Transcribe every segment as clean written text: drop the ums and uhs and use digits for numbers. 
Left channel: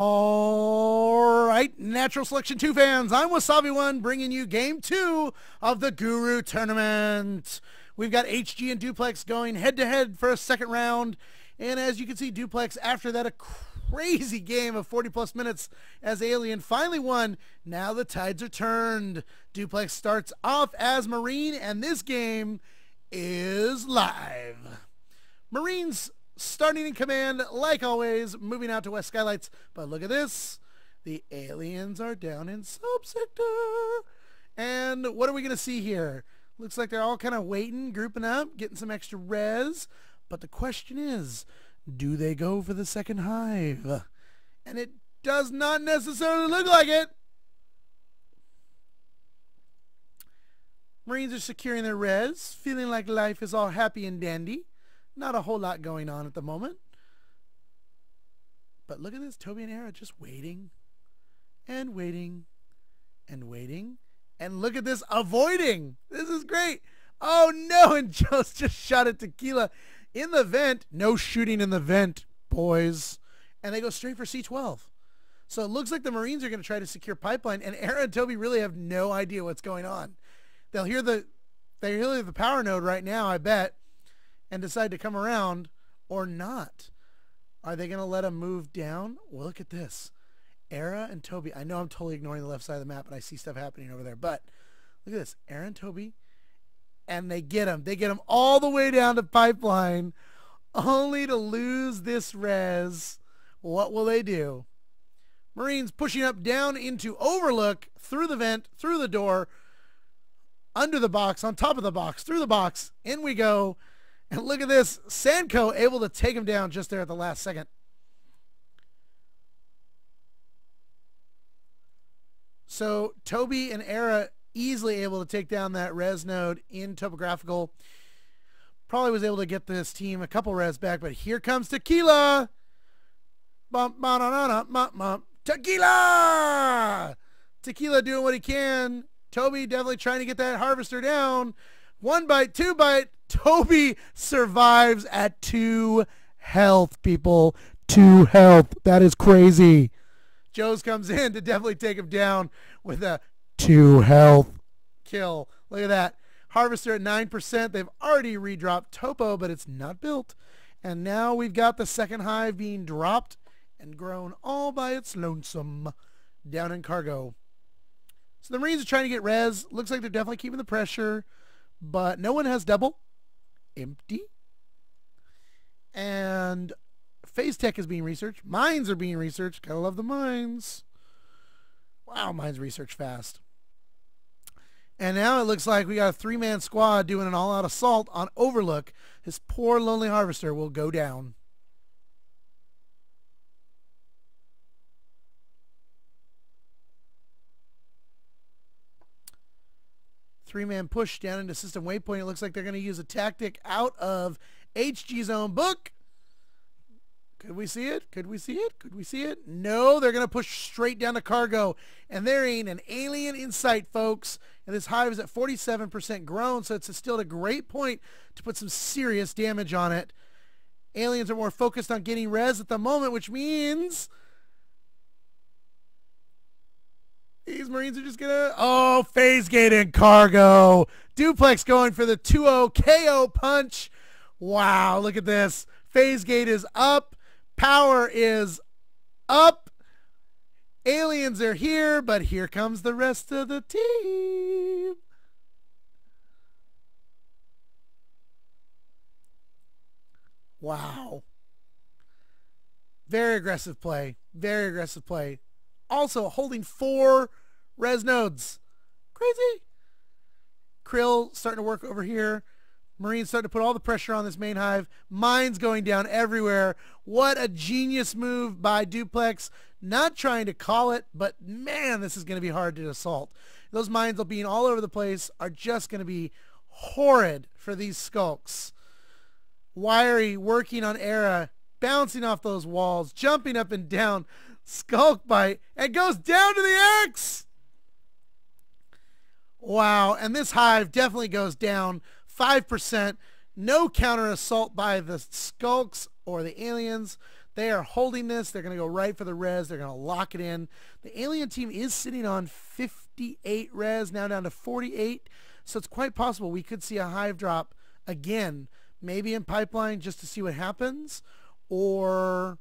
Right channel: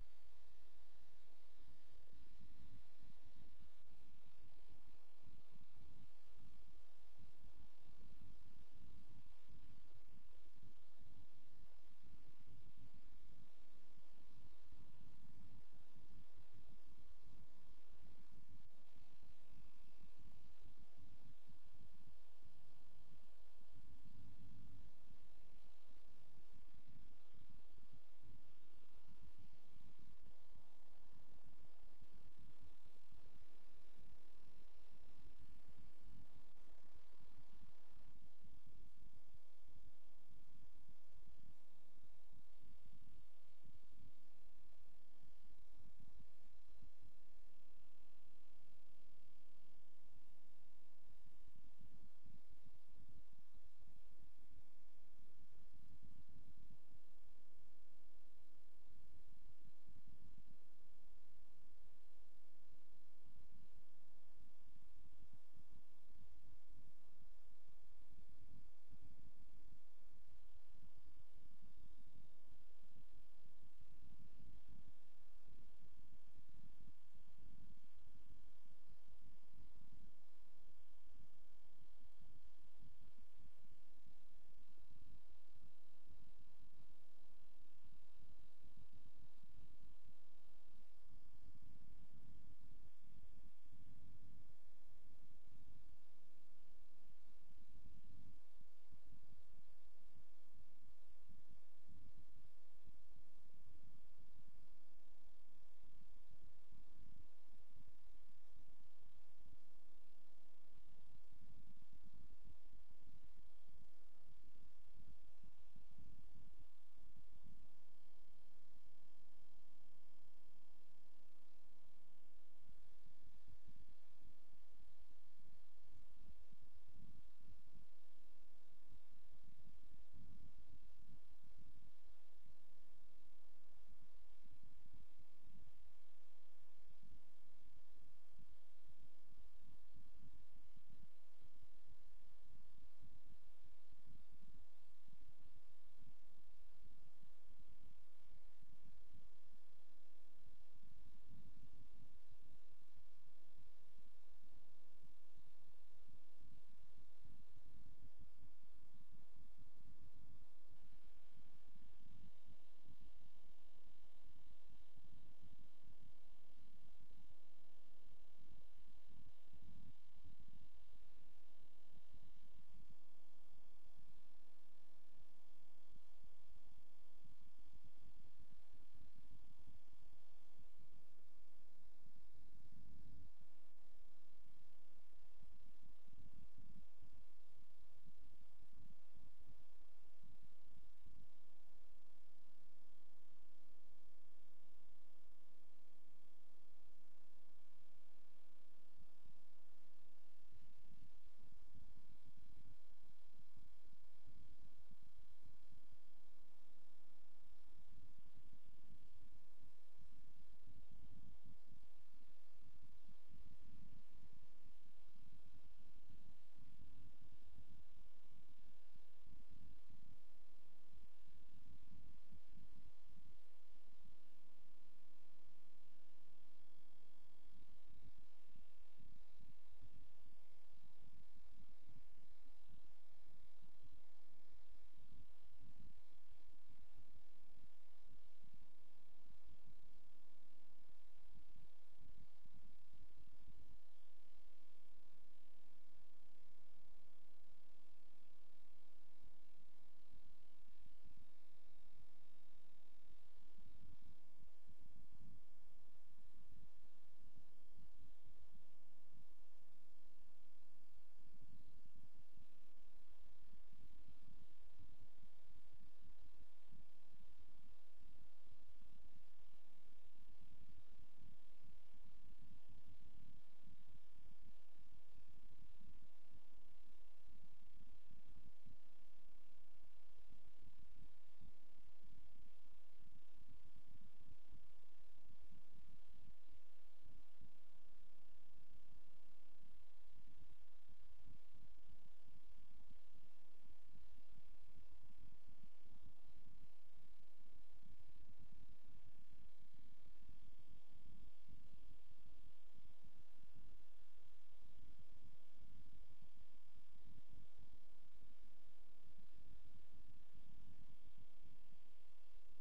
All right, Natural Selection 2 fans, I'm Wasabi1 bringing you Game 2 of the Guru Tournament. We've got HG and Duplex going head-to-head for a second round. And as you can see, Duplex, after that, a crazy game of 40-plus minutes as Alien finally won. Now the tides are turned. Duplex starts off as Marine, and this game is live. Marines starting in command, like always, moving out to West Skylights. But look at this. The aliens are down in subsector. And what are we going to see here? Looks like they're all kind of waiting, grouping up, getting some extra res. But the question is, do they go for the second hive? And it does not necessarily look like it. Marines are securing their res, feeling like life is all happy and dandy. Not a whole lot going on at the moment. But look at this. Toby and Era just waiting and waiting and waiting. And look at this, avoiding. This is great. Oh no, and Joe's just shot at Tequila in the vent. No shooting in the vent, boys. And they go straight for C12. So it looks like the Marines are going to try to secure pipeline, and Era and Toby really have no idea what's going on. They'll hear the power node right now, I bet, and decide to come around or not. Are they going to let them move down? Well, look at this. Era and Toby. I know I'm totally ignoring the left side of the map and I see stuff happening over there, but look at this. Era and Toby, and they get them. They get them all the way down to pipeline only to lose this res. What will they do? Marines pushing up down into Overlook, through the vent, through the door, under the box, on top of the box, through the box. In we go. And look at this, Sanko able to take him down just there at the last second. So Toby and Era easily able to take down that res node in topographical. Probably was able to get this team a couple res back, but here comes Tequila. Bump, ba-na-na-na, bump, bump. Tequila! Tequila doing what he can. Toby definitely trying to get that harvester down. 1 bite, 2 bite. Toby survives at 2 health, people. 2 health. That is crazy. Joe's comes in to definitely take him down with a 2 health kill. Look at that. Harvester at 9%. They've already redropped Topo, but it's not built. And now we've got the second hive being dropped and grown all by its lonesome down in cargo. So the Marines are trying to get res. Looks like they're definitely keeping the pressure, but no one has double. Empty. And phase tech is being researched. Mines are being researched. Gotta love the mines. Wow, mines research fast. And now it looks like we got a 3-man squad doing an all-out assault on Overlook. His poor lonely harvester will go down. Three-man push down into system waypoint. It looks like they're going to use a tactic out of HG's own book. Could we see it? Could we see it? Could we see it? No, they're going to push straight down to cargo. And there ain't an alien in sight, folks. And this hive is at 47% grown, so it's still a great point to put some serious damage on it. Aliens are more focused on getting res at the moment, which means these Marines are just gonna, oh, phase gate in cargo. Duplex going for the 2-0 KO punch. Wow, look at this. Phase gate is up. Power is up. Aliens are here, but here comes the rest of the team. Wow. Very aggressive play. Very aggressive play. Also holding 4 res nodes. Crazy. Krill starting to work over here. Marines starting to put all the pressure on this main hive. Mines going down everywhere. What a genius move by Duplex. Not trying to call it, but man, this is going to be hard to assault. Those mines being all over the place are just going to be horrid for these skulks. Wiry working on Era, bouncing off those walls, jumping up and down. Skulk bite, and goes down to the X. Wow, and this hive definitely goes down 5%. No counter assault by the skulks or the aliens. They are holding this. They're going to go right for the res. They're going to lock it in. The alien team is sitting on 58 res, now down to 48. So it's quite possible we could see a hive drop again, maybe in pipeline just to see what happens, or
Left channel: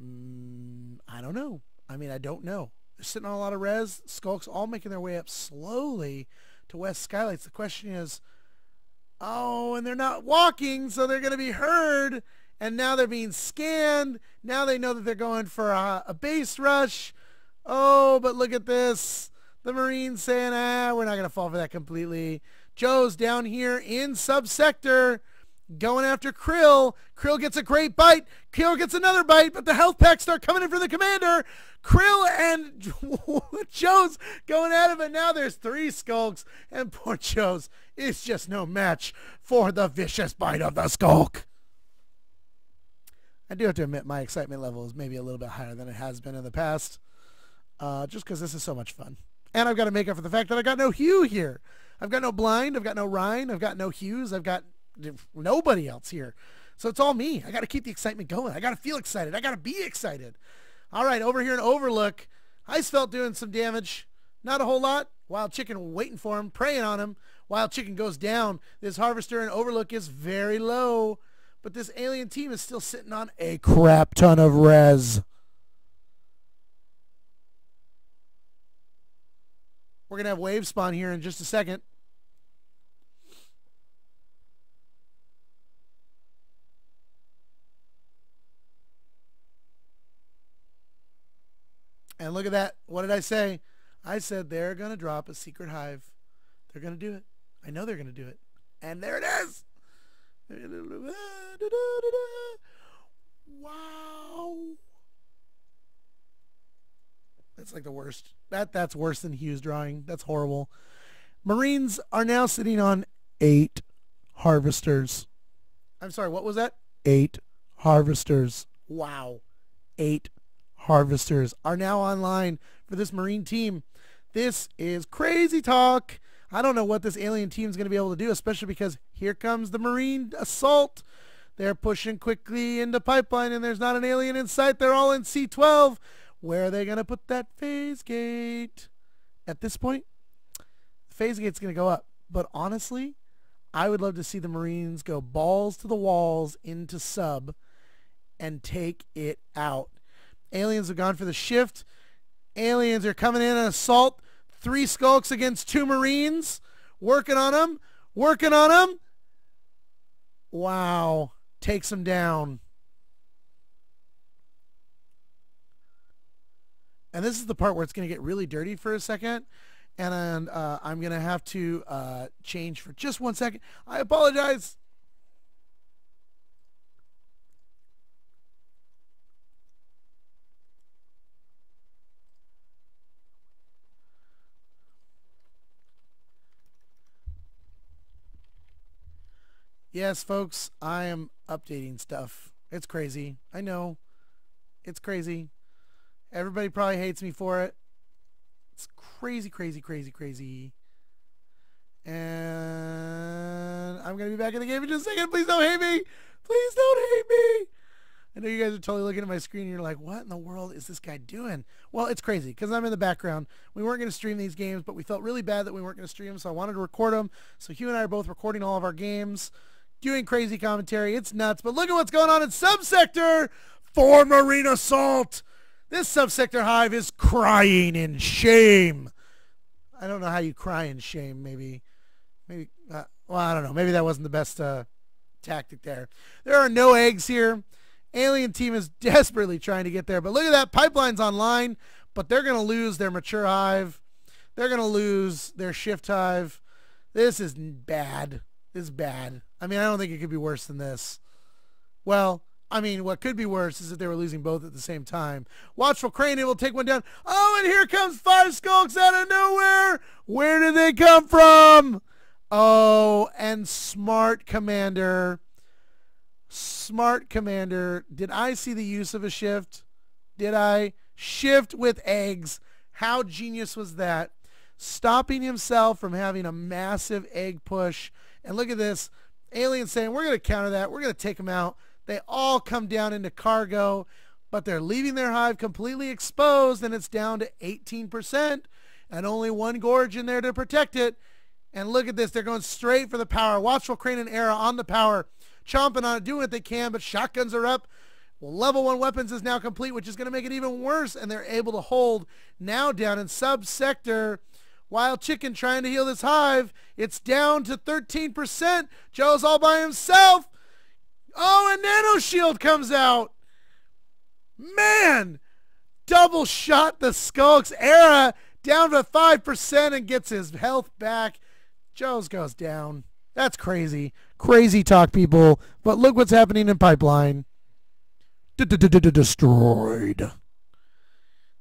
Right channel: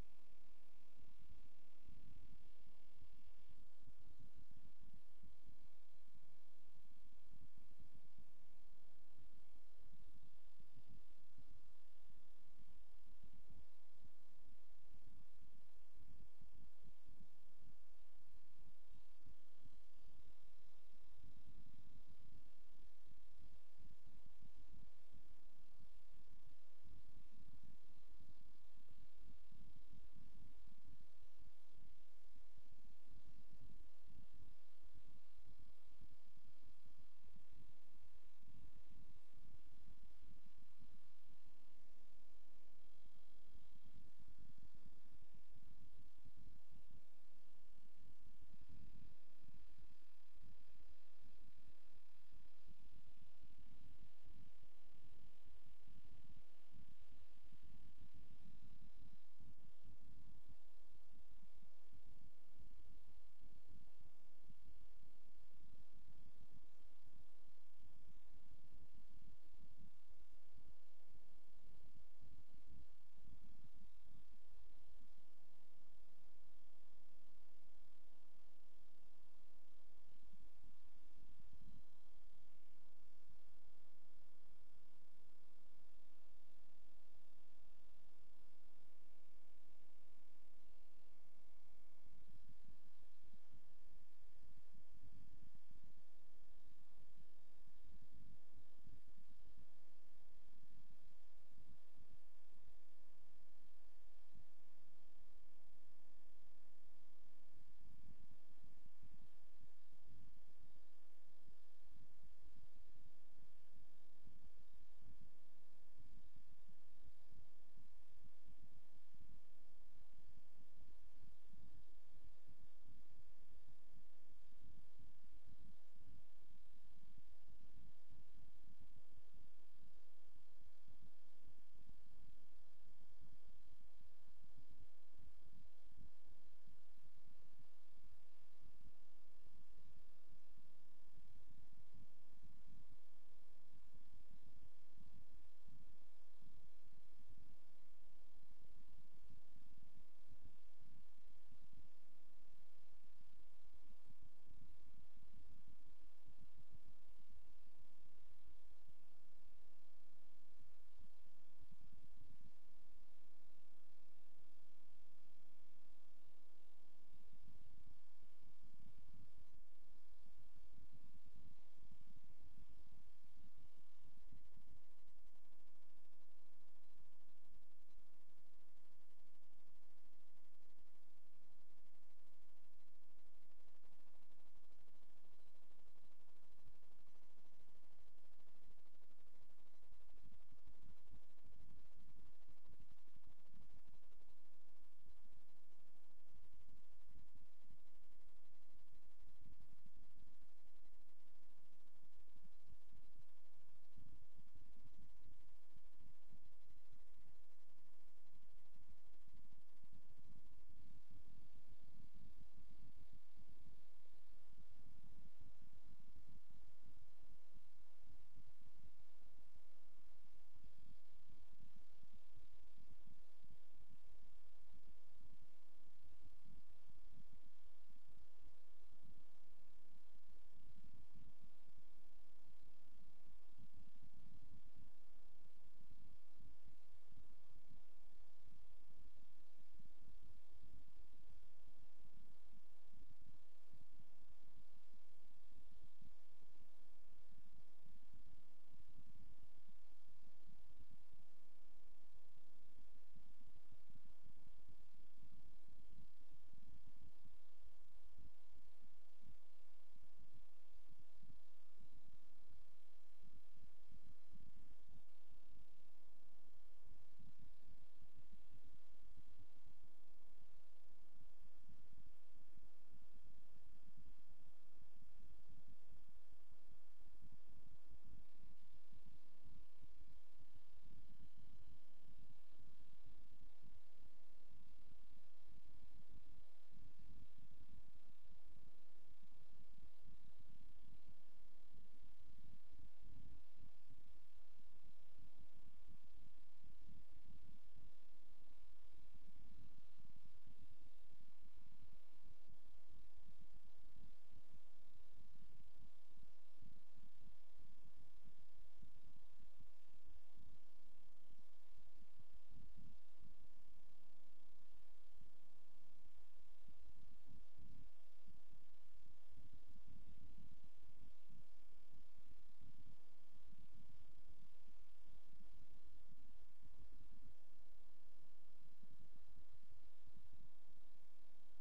I don't know. I mean, I don't know. They're sitting on a lot of res. Skulks all making their way up slowly to West Skylights. The question is, oh, and they're not walking, so they're going to be heard. And now they're being scanned. Now they know that they're going for a base rush. Oh, but look at this. The Marines saying, we're not going to fall for that completely. Joe's down here in subsector going after Krill. Krill gets a great bite. Krill gets another bite, but the health packs start coming in for the commander. Krill and Joe's going at him, and now there's 3 skulks, and poor Joe's is just no match for the vicious bite of the skulk. I do have to admit my excitement level is maybe a little bit higher than it has been in the past, just because this is so much fun. And I've got to make up for the fact that I got no Hugh here. I've got no Blind, I've got no Ryan, I've got no Hughes, I've got nobody else here. So it's all me. I got to keep the excitement going. I got to feel excited. I got to be excited. All right, over here in Overlook, Icefelt doing some damage. Not a whole lot. Wild Chicken waiting for him, preying on him. Wild Chicken goes down. This Harvester in Overlook is very low. But this alien team is still sitting on a crap ton of res. We're going to have wave spawn here in just a second. And look at that. What did I say? I said they're going to drop a secret hive. They're going to do it. I know they're going to do it. And there it is. Wow. That's like the worst. That's worse than Hughes drawing. That's horrible. Marines are now sitting on 8 harvesters. I'm sorry, what was that? 8 harvesters. Wow. 8 harvesters are now online for this Marine team. This is crazy talk. I don't know what this alien team is going to be able to do, especially because here comes the Marine assault. They're pushing quickly into pipeline, and there's not an alien in sight. They're all in C12. Where are they going to put that phase gate? At this point, the phase gate's going to go up. But honestly, I would love to see the Marines go balls to the walls into sub and take it out. Aliens have gone for the shift. Aliens are coming in and assault. 3 skulks against 2 Marines. Working on them. Working on them. Wow. Takes them down. And this is the part where it's going to get really dirty for a second. And I'm going to have to change for just 1 second. I apologize. Yes, folks, I am updating stuff. It's crazy. I know. It's crazy. Everybody probably hates me for it. It's crazy, crazy, crazy, crazy. And I'm going to be back in the game in just a second. Please don't hate me. Please don't hate me. I know you guys are totally looking at my screen and you're like, what in the world is this guy doing? Well, it's crazy because I'm in the background. We weren't going to stream these games, but we felt really bad that we weren't going to stream them, so I wanted to record them. So Hugh and I are both recording all of our games, doing crazy commentary. It's nuts. But look at what's going on in subsector for Marine Assault. This subsector hive is crying in shame. I don't know how you cry in shame. Maybe, well, I don't know. Maybe that wasn't the best tactic there. There are no eggs here. Alien team is desperately trying to get there. But look at that. Pipeline's online, but they're going to lose their mature hive. They're going to lose their shift hive. This is bad. This is bad. I mean, I don't think it could be worse than this. Well, I mean, what could be worse is if they were losing both at the same time. Watchful Crane able to take one down. Oh, and here comes 5 skulks out of nowhere. Where did they come from? Oh, and Smart Commander. Smart Commander. Did I see the use of a shift? Did I? Shift with eggs. How genius was that? Stopping himself from having a massive egg push. And look at this. Alien saying, we're going to counter that. We're going to take him out. They all come down into cargo, but they're leaving their hive completely exposed, and it's down to 18%, and only one gorge in there to protect it. And look at this. They're going straight for the power. Watchful Crane and Era on the power, chomping on it, doing what they can, but shotguns are up. Well, level 1 weapons is now complete, which is going to make it even worse, and they're able to hold now down in sub-sector. Wild Chicken trying to heal this hive. It's down to 13%. Joe's all by himself. Oh, a nano shield comes out. Man, double shot the Skulks. Era down to 5% and gets his health back. Joe's goes down. That's crazy. Crazy talk, people. But look what's happening in Pipeline. Destroyed.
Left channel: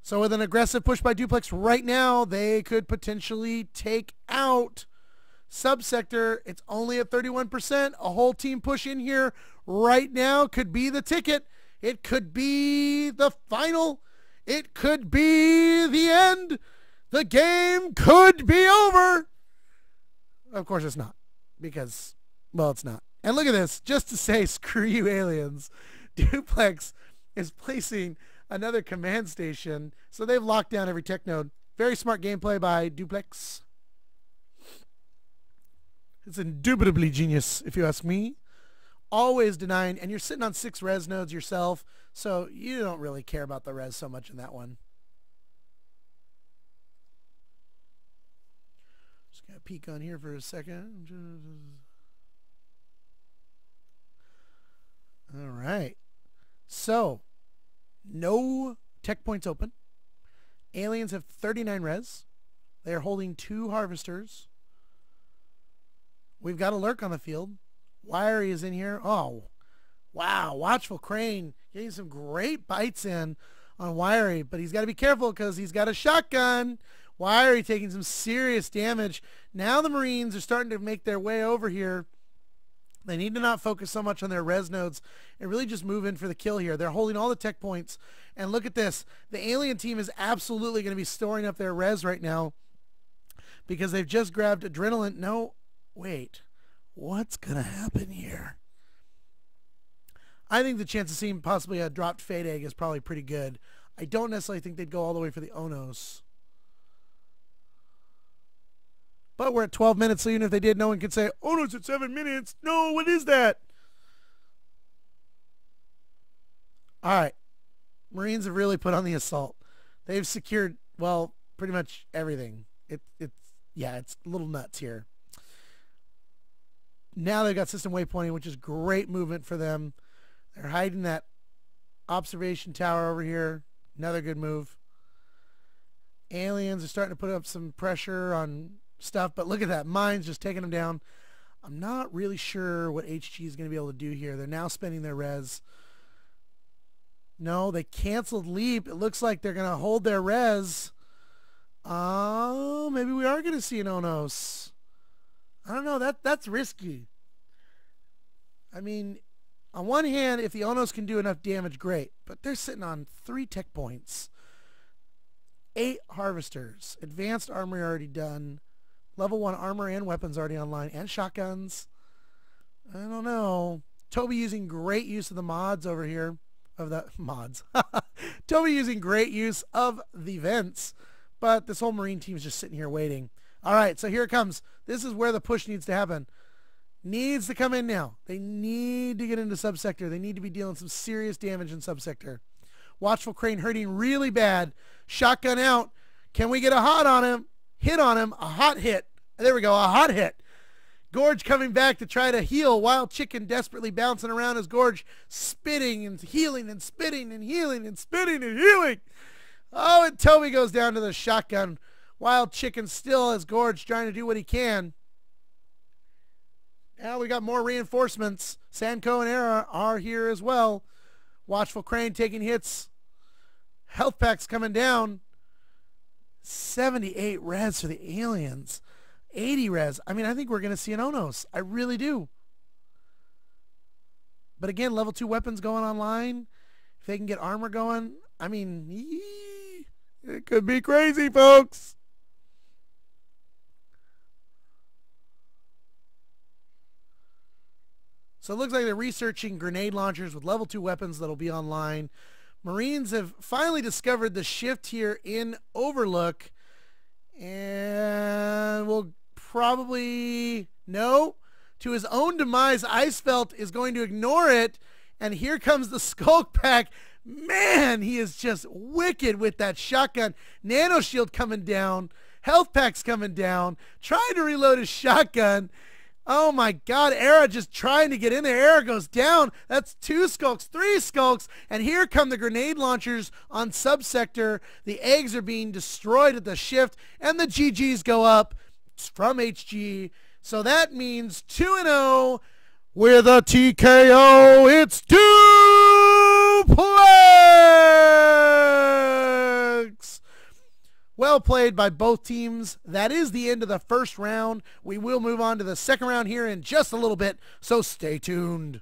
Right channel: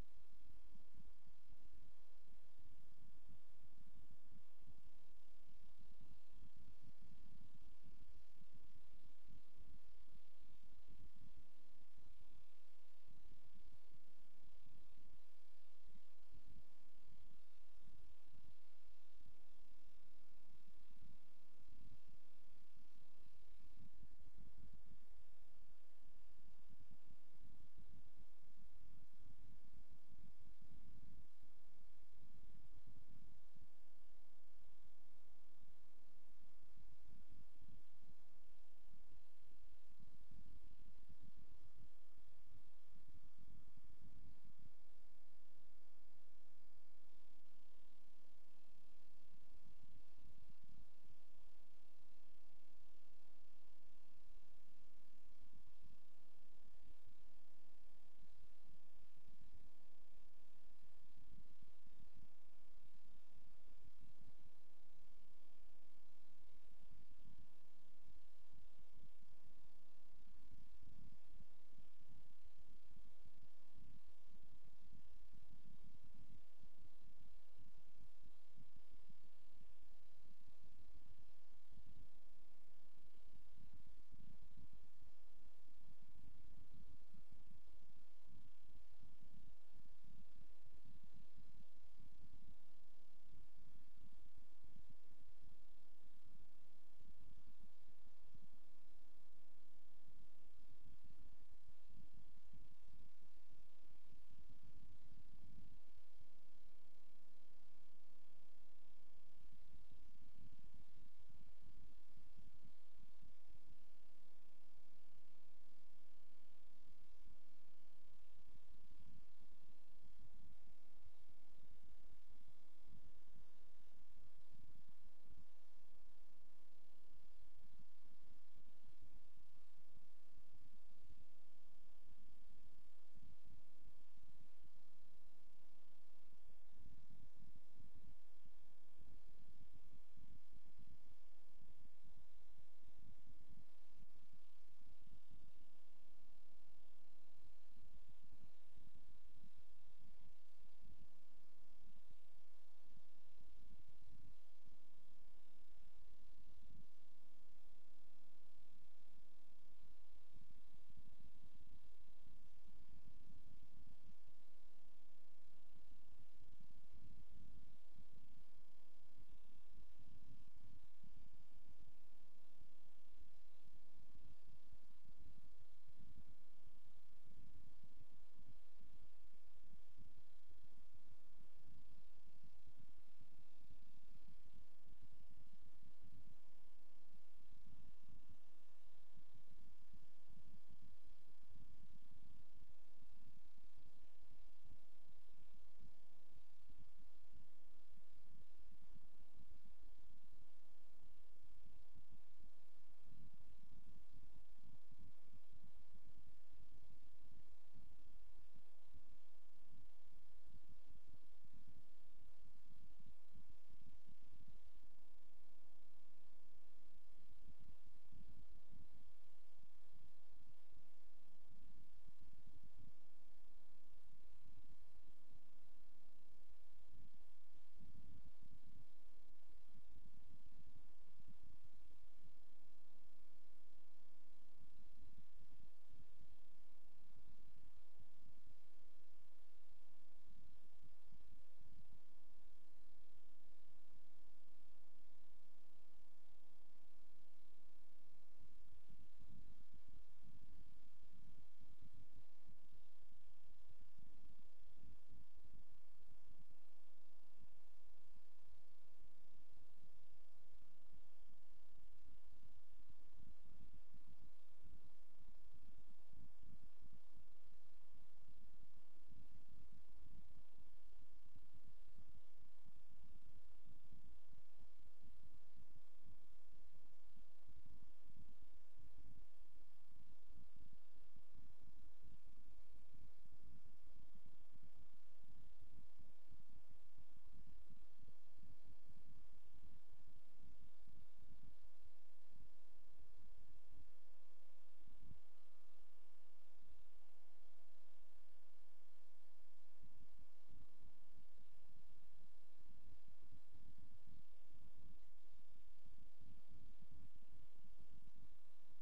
So with an aggressive push by Duplex right now, they could potentially take out Subsector. It's only at 31%. A whole team push in here right now could be the ticket. It could be the final. It could be the end. The game could be over. Of course it's not, because, well, it's not. And look at this, just to say screw you aliens, Duplex is placing another command station, so they've locked down every tech node. Very smart gameplay by Duplex. It's indubitably genius, if you ask me. Always denying, and you're sitting on 6 res nodes yourself, so you don't really care about the res so much in that one. Just gotta peek on here for a second. All right. So, no tech points open. Aliens have 39 res. They are holding 2 harvesters. We've got a lurk on the field. Wiry is in here. Oh, wow. Watchful Crane getting some great bites in on Wiry, but he's got to be careful because he's got a shotgun. Wiry taking some serious damage. Now the Marines are starting to make their way over here. They need to not focus so much on their res nodes and really just move in for the kill here. They're holding all the tech points. And look at this. The alien team is absolutely going to be storing up their res right now because they've just grabbed adrenaline. No, wait. What's going to happen here? I think the chance of seeing possibly a dropped Fade Egg is probably pretty good. I don't necessarily think they'd go all the way for the Onos. But we're at 12 minutes, so even if they did, no one could say, Onos at 7 minutes. No, what is that? All right. Marines have really put on the assault. They've secured, well, pretty much everything. Yeah, it's a little nuts here. Now they've got system waypointing, which is great movement for them. They're hiding that observation tower over here. Another good move. Aliens are starting to put up some pressure on stuff, but look at that. Mines just taking them down. I'm not really sure what HG is going to be able to do here. They're now spending their res. No, they canceled leap. It looks like they're going to hold their res. Oh, maybe we are going to see an Onos. I don't know. That's risky. I mean, on one hand, if the Onos can do enough damage, great. But they're sitting on 3 tech points. 8 harvesters. Advanced armory already done. Level 1 armor and weapons already online. And shotguns. I don't know. Toby using great use of the mods over here. Of the mods. Toby using great use of the vents. But this whole Marine team is just sitting here waiting. All right, so here it comes. This is where the push needs to happen. Needs to come in now. They need to get into subsector. They need to be dealing some serious damage in subsector. Watchful Crane hurting really bad. Shotgun out. Can we get a hot on him? Hit on him. A hot hit. There we go. A hot hit. Gorge coming back to try to heal. Wild Chicken desperately bouncing around as Gorge spitting and healing and spitting and healing and spitting and healing. Oh, and Toby goes down to the shotgun. Wild Chicken still as Gorge trying to do what he can. Now we got more reinforcements. Sanko and Era are here as well. Watchful Crane taking hits. Health packs coming down. 78 res for the aliens. 80 res. I mean, I think we're going to see an Onos. I really do. But again, level 2 weapons going online. If they can get armor going, I mean, it could be crazy, folks. So it looks like they're researching grenade launchers with level 2 weapons that'll be online. Marines have finally discovered the shift here in Overlook. And will probably, no, to his own demise. Icefelt is going to ignore it. And here comes the Skulk Pack. Man, he is just wicked with that shotgun. Nano Shield coming down. Health Pack's coming down. Trying to reload his shotgun. Oh my God, Era just trying to get in there. Era goes down. That's 2 skulks, 3 skulks. And here come the grenade launchers on subsector. The eggs are being destroyed at the shift. And the GGs go up from HG. So that means 2-0 with a TKO. It's Duplex. Well played by both teams. That is the end of the first round. We will move on to the second round here in just a little bit, so stay tuned.